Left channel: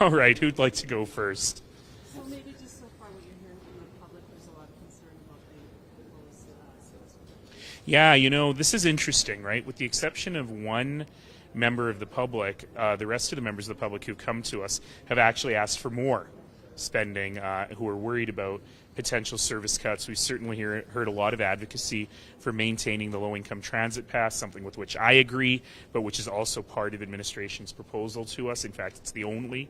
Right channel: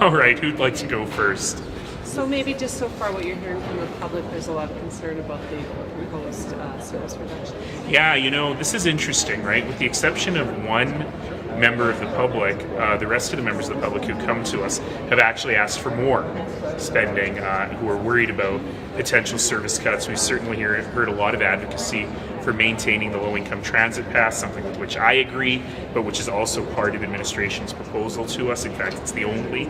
All right, who'd like to go first? So maybe just so far what you're hearing from the public, there's a lot of concern about the proposed service reduction. Yeah, this is interesting, right? With the exception of one member of the public, the rest of the members of the public who come to us have actually asked for more spending, who are worried about potential service cuts. We've certainly heard a lot of advocacy for maintaining the low-income transit pass, something with which I agree, but which is also part of administration's proposal to us. In fact, it's the only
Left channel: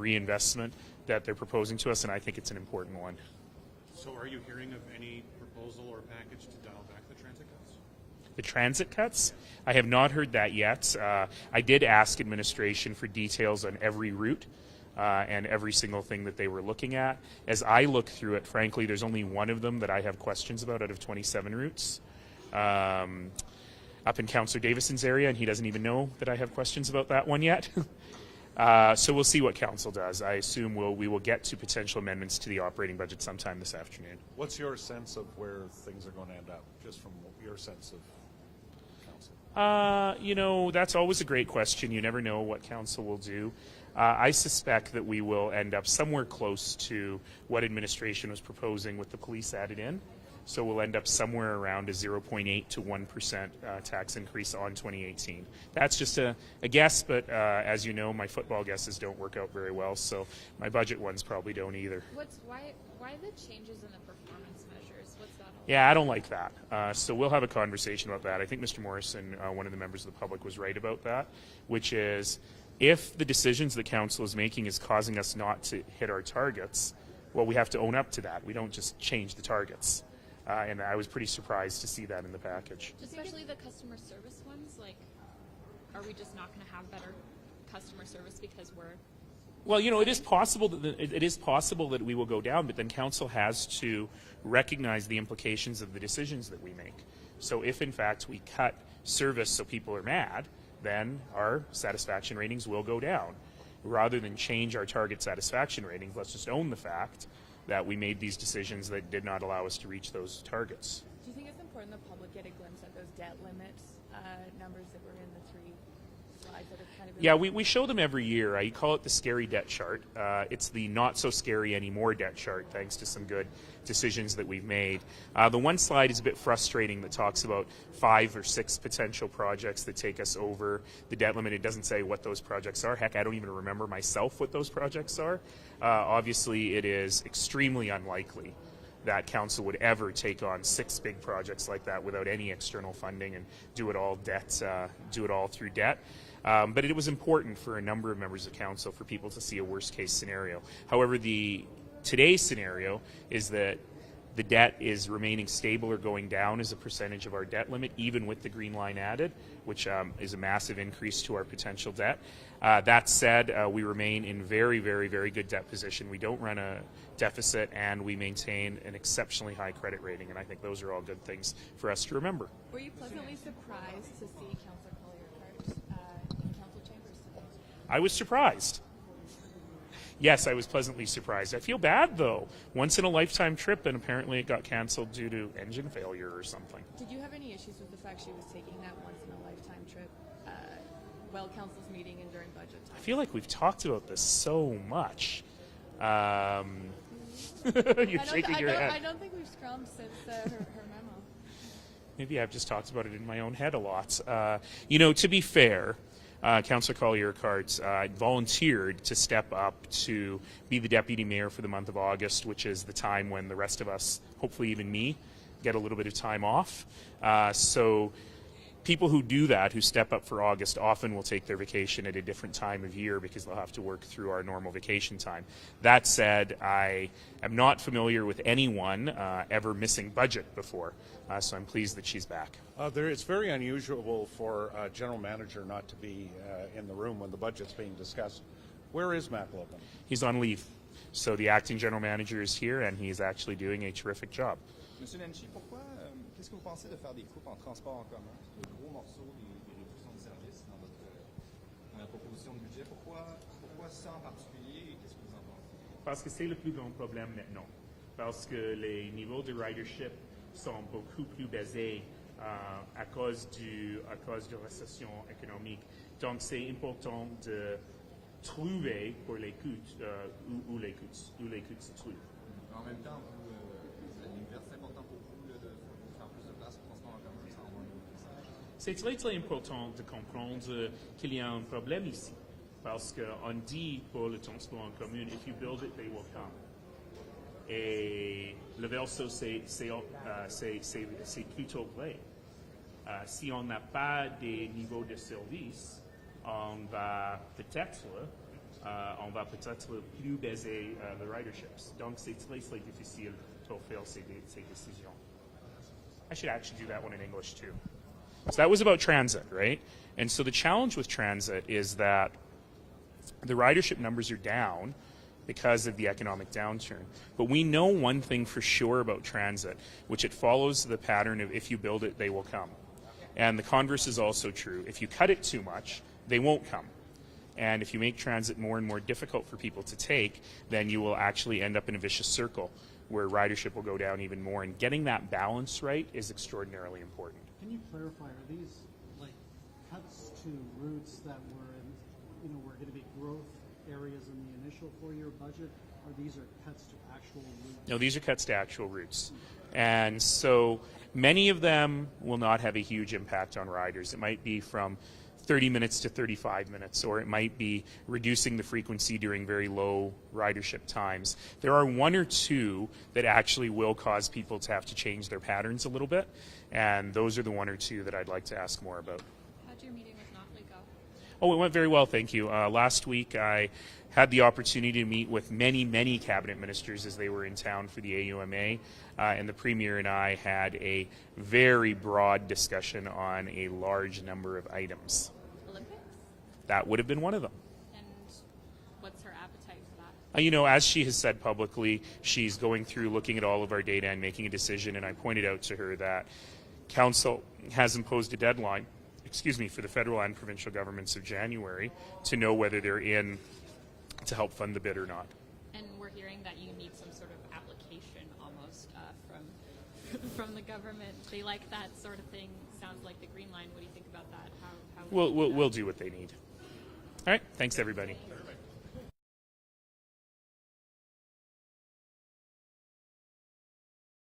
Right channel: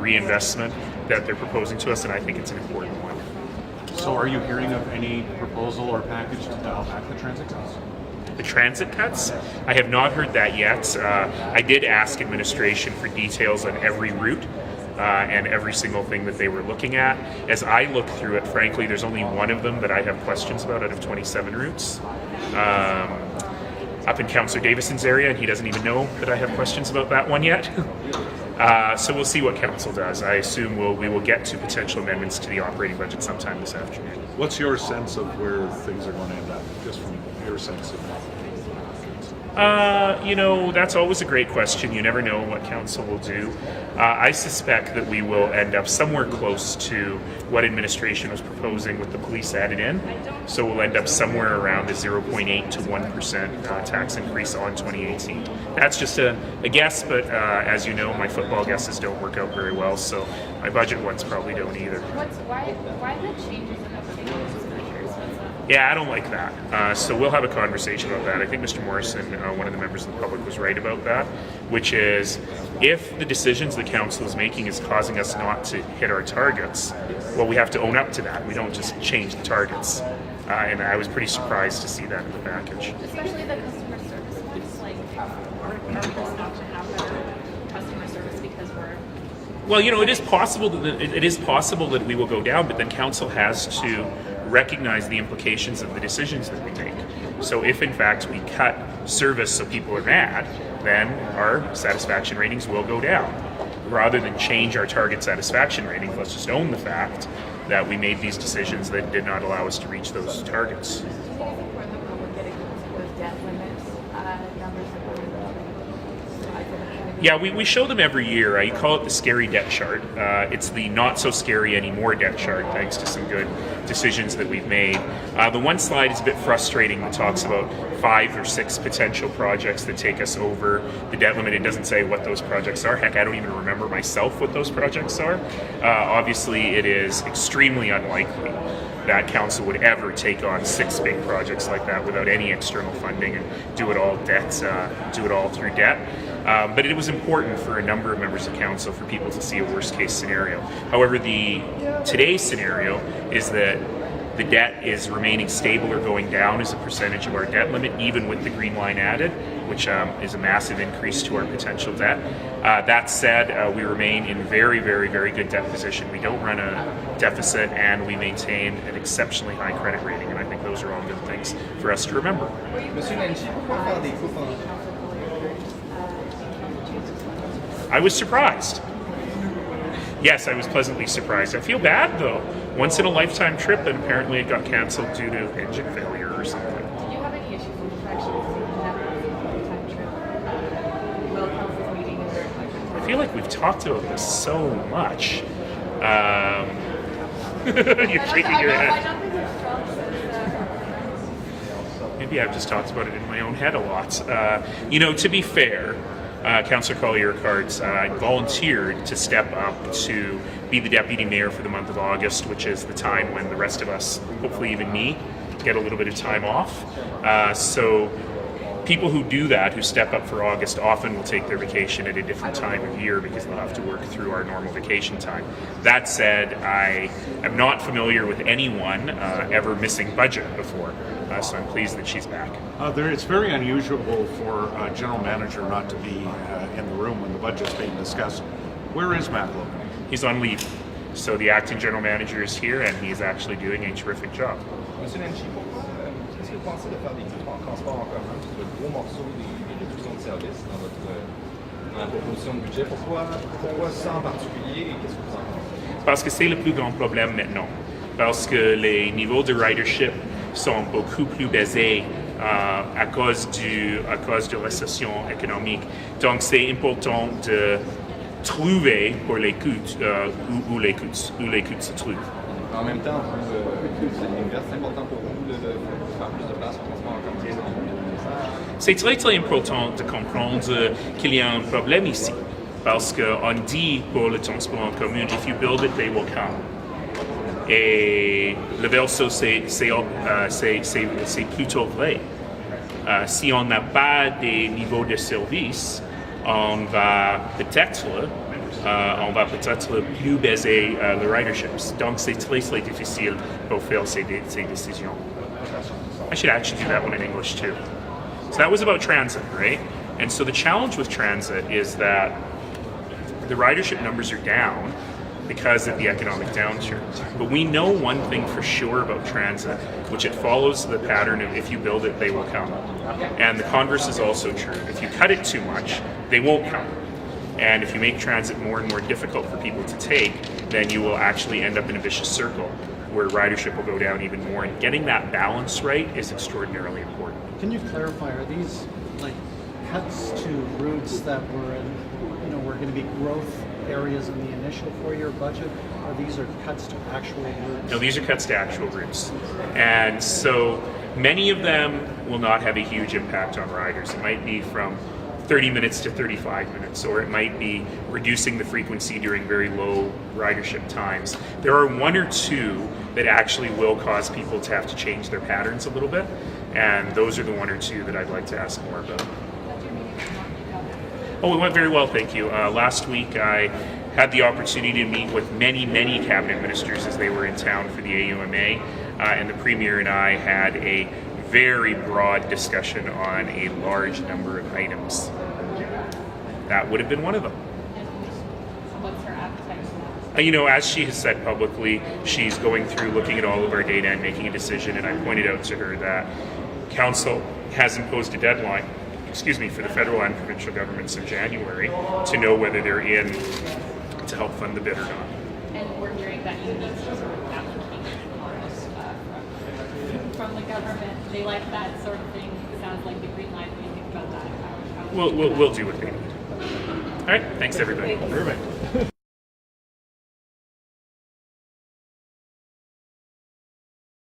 reinvestment that they're proposing to us, and I think it's an important one. So are you hearing of any proposal or package to dial back the transit cuts? The transit cuts? I have not heard that yet. I did ask administration for details on every route and every single thing that they were looking at. As I look through it, frankly, there's only one of them that I have questions about out of 27 routes. Up in Councillor Davison's area, and he doesn't even know that I have questions about that one yet. So we'll see what council does. I assume we will get to potential amendments to the operating budget sometime this afternoon. What's your sense of where things are going to end up, just from your sense of that's always a great question. You never know what council will do. I suspect that we will end up somewhere close to what administration was proposing with the police added in. So we'll end up somewhere around a 0.8 to 1% tax increase on 2018. That's just a guess, but as you know, my football guesses don't work out very well, so my budget ones probably don't either. Why the changes in the measures? Yeah, I don't like that. So we'll have a conversation about that. I think Mr. Morrison, one of the members of the public, was right about that, which is if the decisions the council is making is causing us not to hit our targets, well, we have to own up to that. We don't just change the targets. And I was pretty surprised to see that in the package. Especially the customer service ones, like, are we just not to have better customer service because we're... Well, it is possible that we will go down, but then council has to recognize the implications of the decisions that we make. So if in fact we cut service so people are mad, then our satisfaction ratings will go down. Rather than change our target satisfaction ratings, let's just own the fact that we made these decisions that did not allow us to reach those targets. Yeah, we show them every year. I call it the scary debt chart. It's the not so scary anymore debt chart, thanks to some good decisions that we've made. The one slide is a bit frustrating that talks about 5 or 6 potential projects that take us over the debt limit. It doesn't say what those projects are. Heck, I don't even remember myself what those projects are. Obviously, it is extremely unlikely that council would ever take on 6 big projects like that without any external funding and do it all through debt. But it was important for a number of members of council for people to see a worst case scenario. However, today's scenario is that the debt is remaining stable or going down as a percentage of our debt limit, even with the green line added, which is a massive increase to our potential debt. That said, we remain in very, very, very good debt position. We don't run a deficit, and we maintain an exceptionally high credit rating, and I think those are all good things for us to remember. I was surprised. Yes, I was pleasantly surprised. I feel bad, though. Once in a lifetime trip, and apparently it got canceled due to engine failure or something. Did you have any issues with the fact that it was a lifetime trip? Will council's meeting is very much... I feel like we've talked about this so much. You're shaking your head. I don't think it's strong since... Maybe I've just talked about it in my own head a lot. To be fair, Councillor Collier-Cards volunteered to step up to be the deputy mayor for the month of August, which is the time when the rest of us, hopefully even me, get a little bit of time off. So people who do that, who step up for August, often will take their vacation at a different time of year because they'll have to work through our normal vacation time. That said, I am not familiar with anyone ever missing budget before, so I'm pleased that she's back. It's very unusual for a general manager not to be in the room when the budget's being discussed. Where is Matt Logan? He's on leave. So the acting general manager is here, and he's actually doing a terrific job. Monsieur Nenshi, qu'est-ce que vous pensez de faire des titres en transport en commun? C'est le gros morceau des réductions de services dans la proposition de budget. Pourquoi ça en particulier et qu'est-ce que vous en pensez? Parce que c'est le plus grand problème maintenant. Parce que les niveaux de ridership sont beaucoup plus baissés à cause de la récession économique. Donc c'est important de trouver pour les coûts, où les coûts se trouvent. En même temps, c'est l'inverse, c'est important pour vous de faire plus de place au transport en commun. C'est très très important de comprendre qu'il y a un problème ici. Parce qu'on dit pour le transport en commun, if you build it, they will come. Et le verso, c'est plutôt vrai. Si on n'a pas des niveaux de service, on va peut-être plus baiser le ridership. Donc c'est très très difficile pour faire ces décisions. I should actually do that one in English too. So that was about transit, right? And so the challenge with transit is that the ridership numbers are down because of the economic downturn. But we know one thing for sure about transit, which it follows the pattern of if you build it, they will come. And the converse is also true. If you cut it too much, they won't come. And if you make transit more and more difficult for people to take, then you will actually end up in a vicious circle where ridership will go down even more. And getting that balance right is extraordinarily important. Can you clarify, are these like cuts to routes that were going to be growth areas in the initial 4-year budget, or these are cuts to actual routes? No, these are cuts to actual routes. And so many of them will not have a huge impact on riders. It might be from 30 minutes to 35 minutes, or it might be reducing the frequency during very low ridership times. There are one or two that actually will cause people to have to change their patterns a little bit, and those are the one or two that I'd like to ask more about. Oh, it went very well, thank you. Last week I had the opportunity to meet with many cabinet ministers as they were in town for the AUMA, and the Premier and I had a very broad discussion on a large number of items. That would have been one of them. What's her appetite for that? As she has said publicly, she's going through looking at all of our data and making a decision, and I pointed out to her that Council has imposed a deadline, for the federal and provincial governments in January to know whether they're in to help fund the bid or not. And we're hearing that you need some sort of application almost from the government. They like that sort of thing. It sounds like the green light. What do you think about that? We'll do what they need. All right, thanks everybody. Perfect.